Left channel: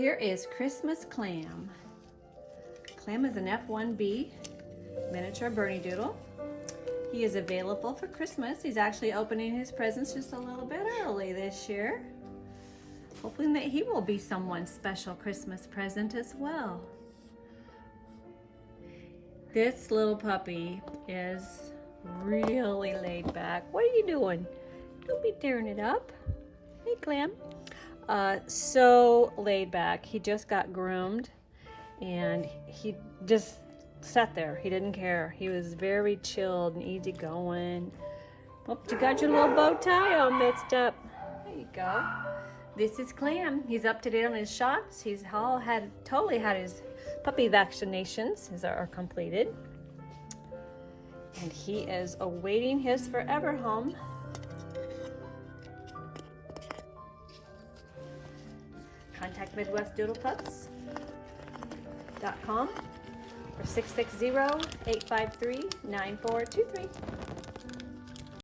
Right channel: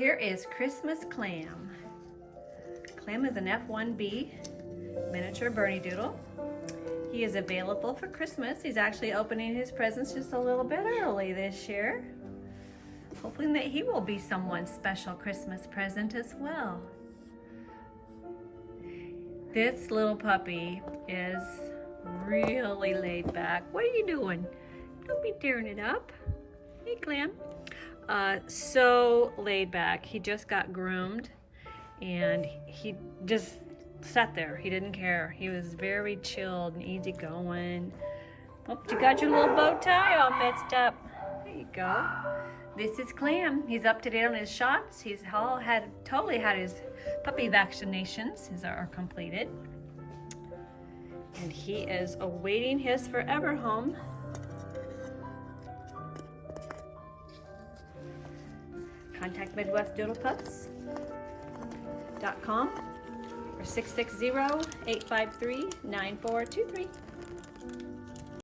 Here is Christmas Clem. Clem is an F1B miniature Bernedoodle. He is available for Christmas. He's actually opening his presents just a little bit early this year. Hoping that he will be someone's special Christmas present as well. This little puppy is really laid back. What are you doing? Don't be tearing it up. Hey, Clem. So laid back. He just got groomed and he just sat there. He didn't care. He was very chilled and easygoing. Oh, you got your little bow tie all mixed up. There you go. This is Clem. He's up to date on his shots. He's totally had his puppy vaccinations. His are completed. And he is awaiting his forever home. Contact MidwestDoodlePups.com or 660-853-9423.